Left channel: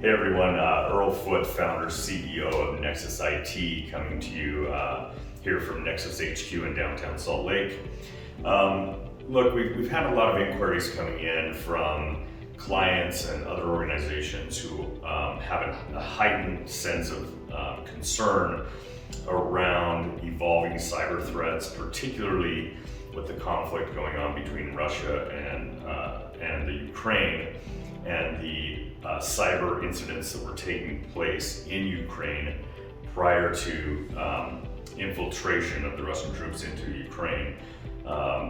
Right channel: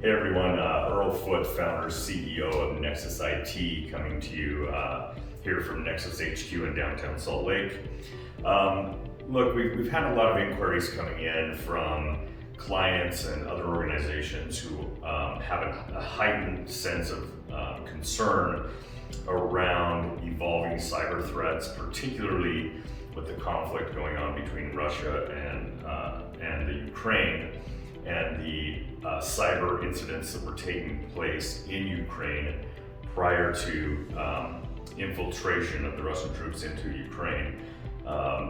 Hey everyone, Earl Foote, founder, CEO of Nexus IT, coming to you here from Nexus HQ in downtown Salt Lake. Look, we've had a lot of inquiries coming in from clients and other organizations who have a heightened sense of concern around evolving cyber threats, particularly with the conflict going on between Russia and the Ukraine, and the cyber incidents that were taking place in Ukraine prior to infiltration of the Russian troops into Ukraine.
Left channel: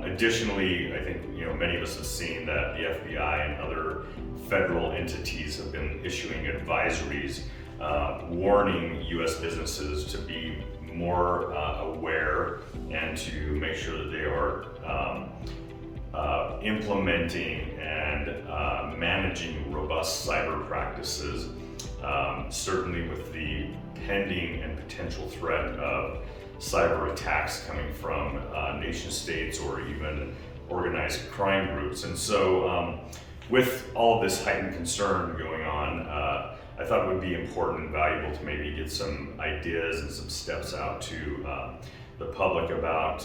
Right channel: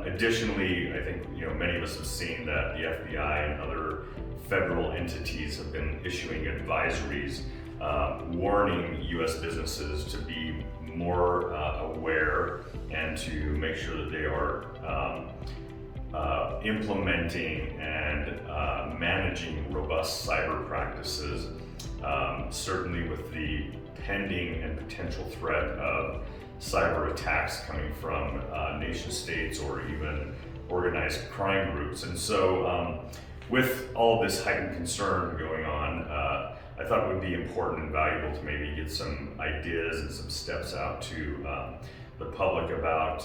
Additionally, I think many of us have seen that the FBI and other federal entities have been issuing advisories warning U.S. businesses to be more aware and to make sure that they are implementing and managing robust cyber practices, certainly with the pending and potential threat of cyber attacks coming from nation states or even organized crime groups. And so with all of this heightened concern going on, I thought it would be important and valuable to maybe get some ideas and some steps out to the public about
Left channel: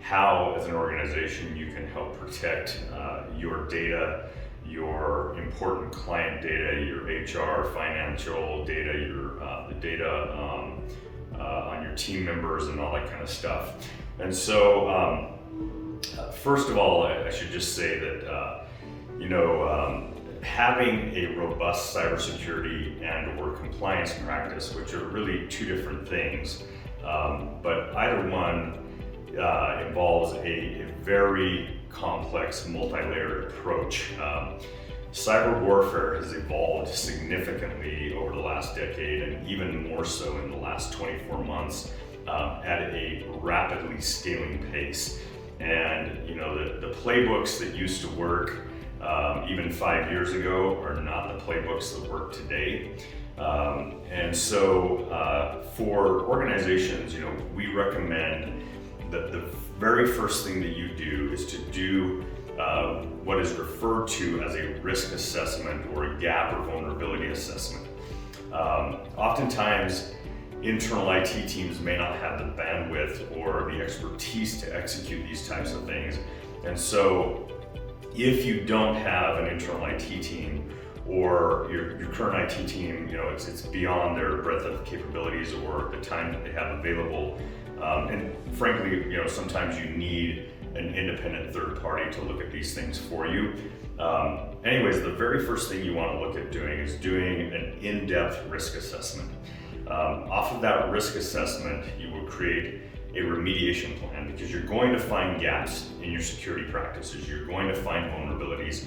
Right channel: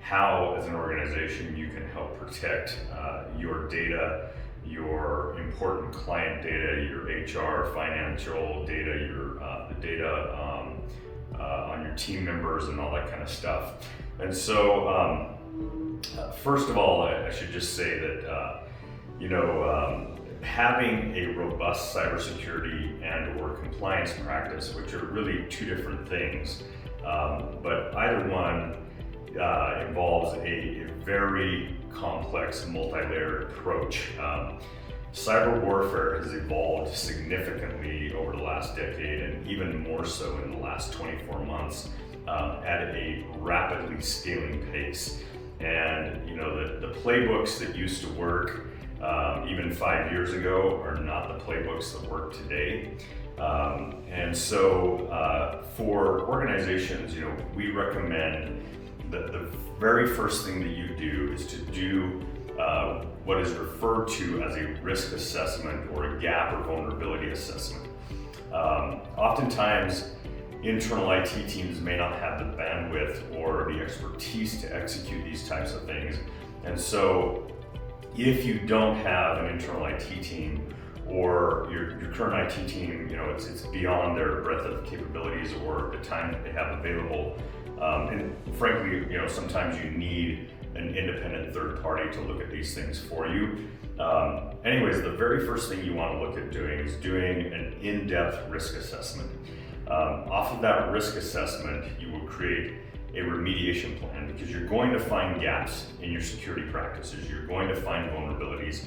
how, as an organization, you can help protect your data, your important client data, your HR, financial data, the data on your team members and all that kind of stuff. And so, first of all, I should just say that having a robust cybersecurity and/or compliance practice, which are really two different things, but either one involves a very complex, multi-layered approach. Cyber warfare has evolved significantly over the last decade, and even more so in the last 24 months at a rapidly scaling pace. And the playbooks that used to work even 5 years ago are not the playbooks that work today. And so for organizations, we recommend that the very first thing that you do is to do what is referred to as a risk assessment or a gap or vulnerability assessment. Oftentimes, internal IT teams may not have the bandwidth or the expertise to execute these types of things. And so if you don't have an internal IT team, or your current IT team, it's beyond their breadth of capabilities or the time that they have available, and frankly, sometimes you need an independent third party to look at these things for you. Anyways, the very first thing you want to look at doing is doing an in-depth risk assessment. Off of that risk assessment, you will create a remediation plan, because you're going to find gaps in your security practices, you're going to find vulnerabilities,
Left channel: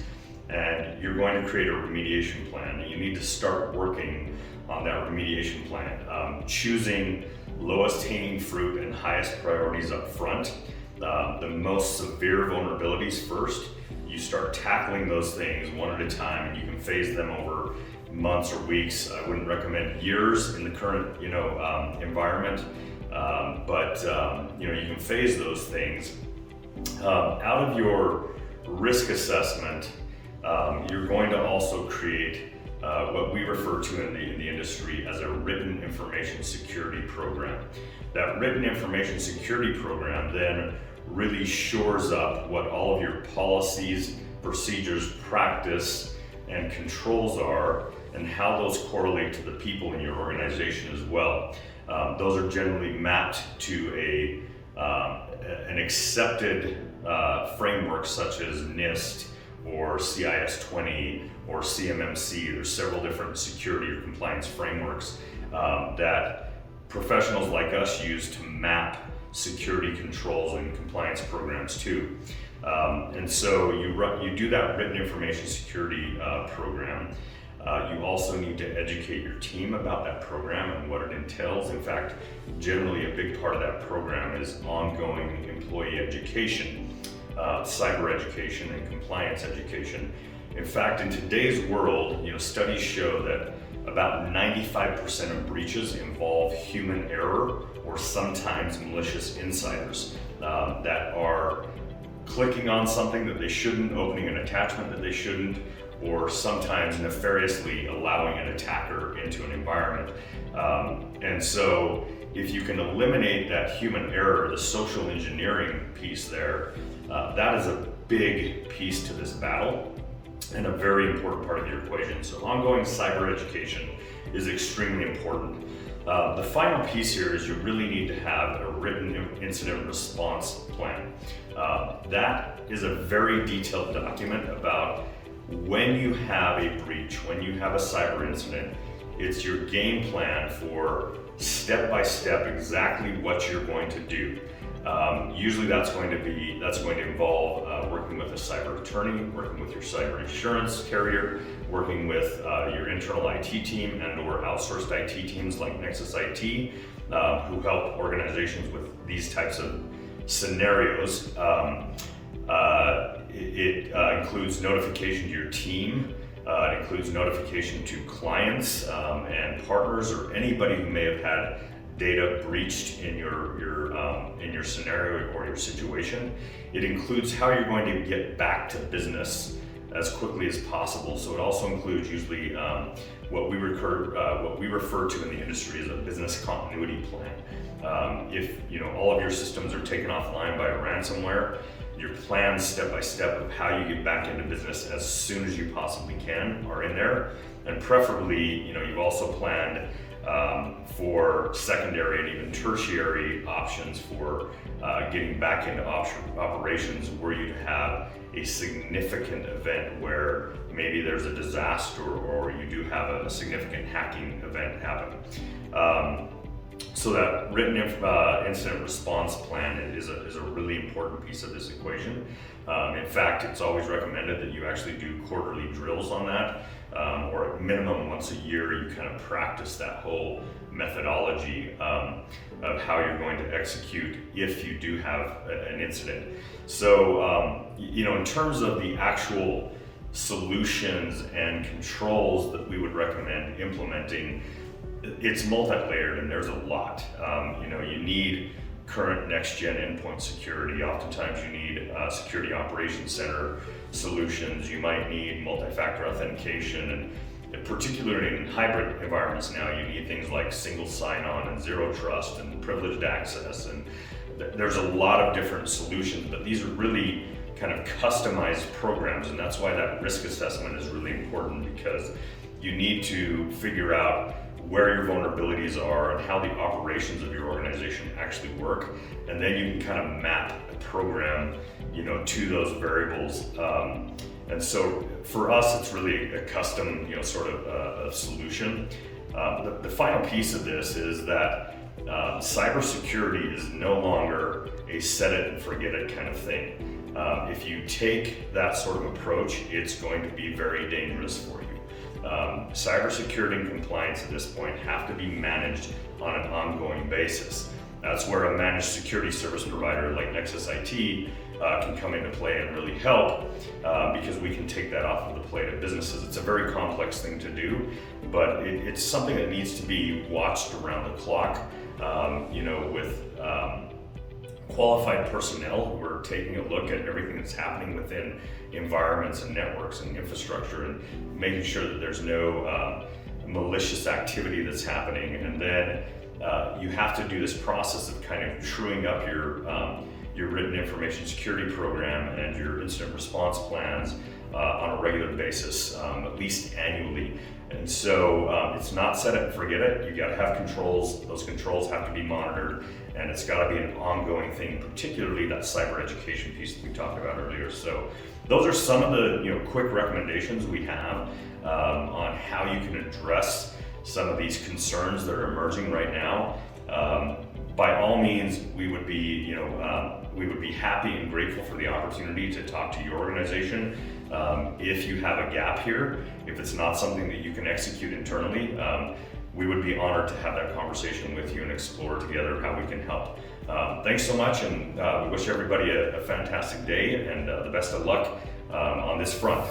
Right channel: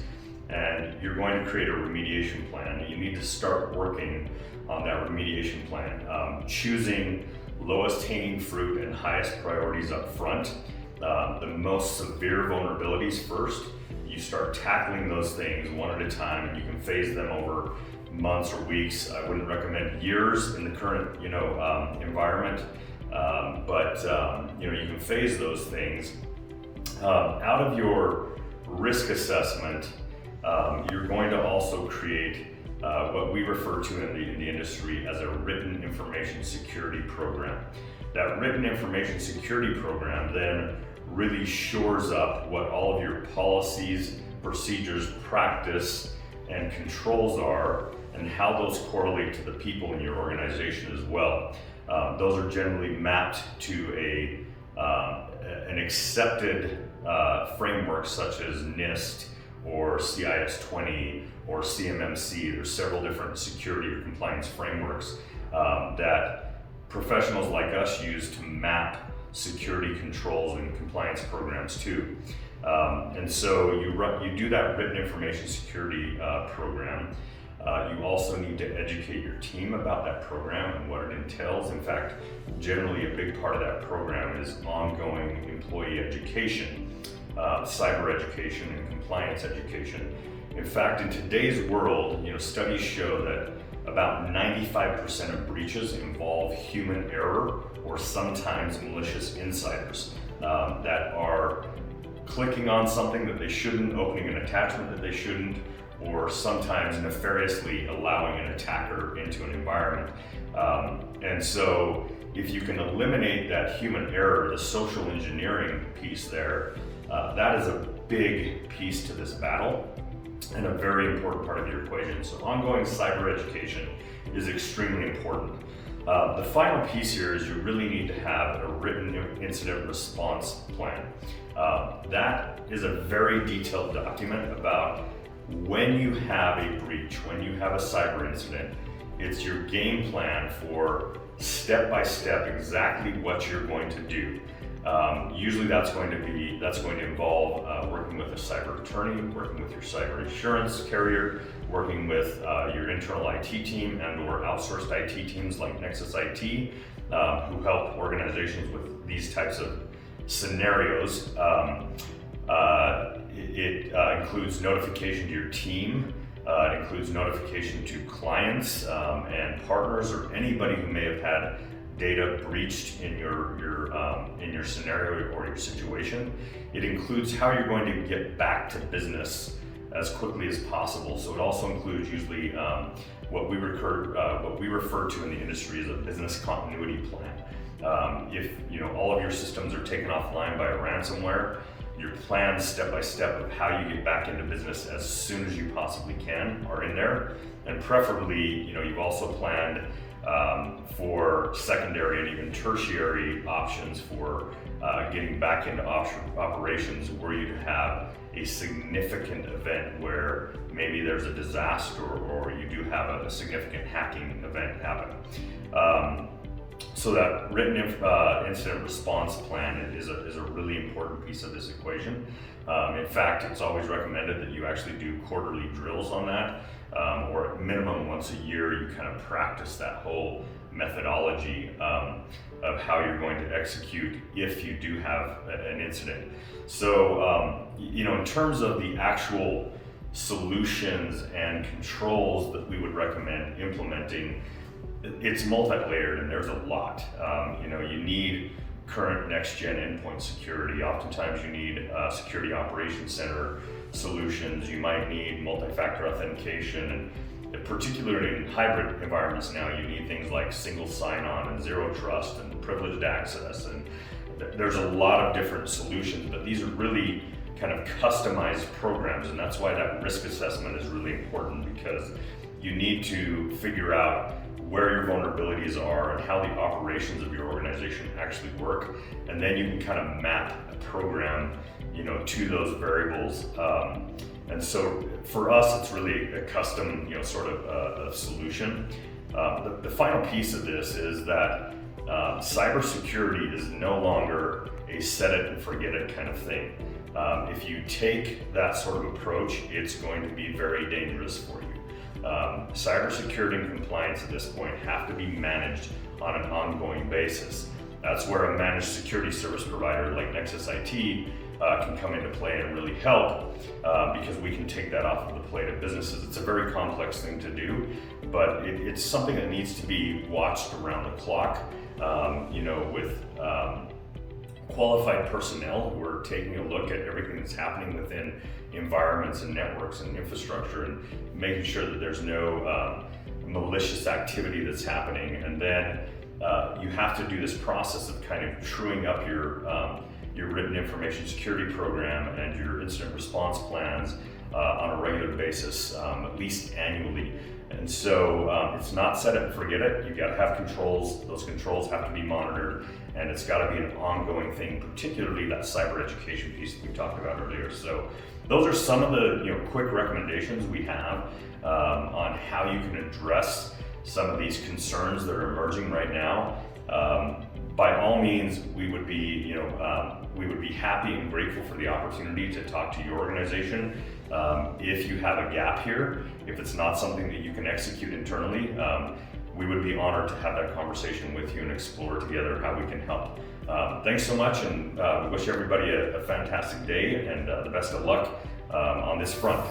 and you're going to create a remediation plan. And you need to start working on that remediation plan, choosing lowest hanging fruit and highest priorities up front. The most severe vulnerabilities first. You start tackling those things one at a time, and you can phase them over months or weeks. I wouldn't recommend years in the current environment, but you can phase those things. Out of your risk assessment, you're going to also create what we refer to in the industry as a written information security program. That written information security program then really shores up what all of your policies, procedures, practice, and controls are, and how those correlate to the people in your organization as well. Those are generally mapped to an accepted framework such as NIST or CIS-20 or CMMC. There's several different security or compliance frameworks that professionals like us use to map security controls and compliance programs to. And so you do that written information security program. You also need to educate your team about that program and what it entails. In fact, generally a big part of that program is ongoing employee education, cyber education, and compliance education. In fact, in today's world, studies show that about 95% of breaches involve human error or sometimes malicious insiders that are clicking on something that they shouldn't, opening an attachment that they shouldn't, or sometimes nefariously allowing an attacker into an environment. And so if you can eliminate that human error, the social engineering piece there, that is a big piece to this battle and a very important part of your equation. So ongoing cyber education is extremely important. The final piece here is you really need to have a written incident response plan. That is a very detailed document about when you have a breach, when you have a cyber incident. It's your game plan for step by step exactly what you're going to do. Usually that's going to involve working with a cyber attorney, working with your cyber insurance carrier, working with your internal IT team and/or outsourced IT teams like Nexus IT, who help organizations with these types of scenarios. It includes notification to your team. It includes notification to clients and partners or anybody who may have had data breached in your scenario or your situation. It includes how you're going to get back to business as quickly as possible. So it also includes usually what we refer to in the industry as a business continuity plan. If all of your systems are taken offline by a ransomware, your plans step by step of how you get back into business as soon as you possibly can are in there, and preferably you've also planned for secondary and even tertiary options for getting back into operations were you to have a significant event where maybe there's a disaster or you do have a significant hacking event happen. So that written incident response plan is a really important piece of this equation. In fact, it's always recommended that you actually do quarterly drills on that, or at minimum once a year you kind of practice that whole methodology of how you're going to execute if you do have an incident. So, in terms of the actual solutions and controls that we would recommend implementing, it's multi-layered and there's a lot. You need current next-gen endpoint security. Oftentimes you need security operations center solutions. You might need multi-factor authentication, and particularly in hybrid environments now, you need things like single sign-on and zero trust and privileged access. And there's a lot of different solutions, but these are really kind of customized programs, and that's why that risk assessment is really important, because you need to figure out where your vulnerabilities are and how the operations of your organization actually work, and then you can kind of map a program, to those variables. And so for us, it's really a custom, sort of a solution. The final piece of this is that cybersecurity is no longer a set it and forget it kind of thing. If you take that sort of approach, it's going to be very dangerous for you. Cybersecurity and compliance at this point have to be managed on an ongoing basis. That's where a managed security service provider like Nexus IT can come into play and really help, because we can take that off of the plate of businesses. It's a very complex thing to do, but it's something that needs to be watched around the clock, with qualified personnel who are taking a look at everything that's happening within environments and networks and infrastructure, and making sure that there's no malicious activity that's happening. And then you have to do this process of kind of truing up your written information security program and your incident response plans on a regular basis, at least annually. And so it's not set it and forget it. You got to have controls. Those controls have to be monitored, and it's got to be an ongoing thing, particularly that cyber education piece that we talked about earlier. So those are some of the quick recommendations we have on how you can address some of these concerns that are emerging right now. By all means, we would be happy and grateful for the opportunity to talk to your organization. If you have a gap here, if it's not something that you can execute internally, we would be honored to have that conversation with you and explore together how we can help. Thanks so much, and we wish everybody a fantastic day and the best of luck on this front.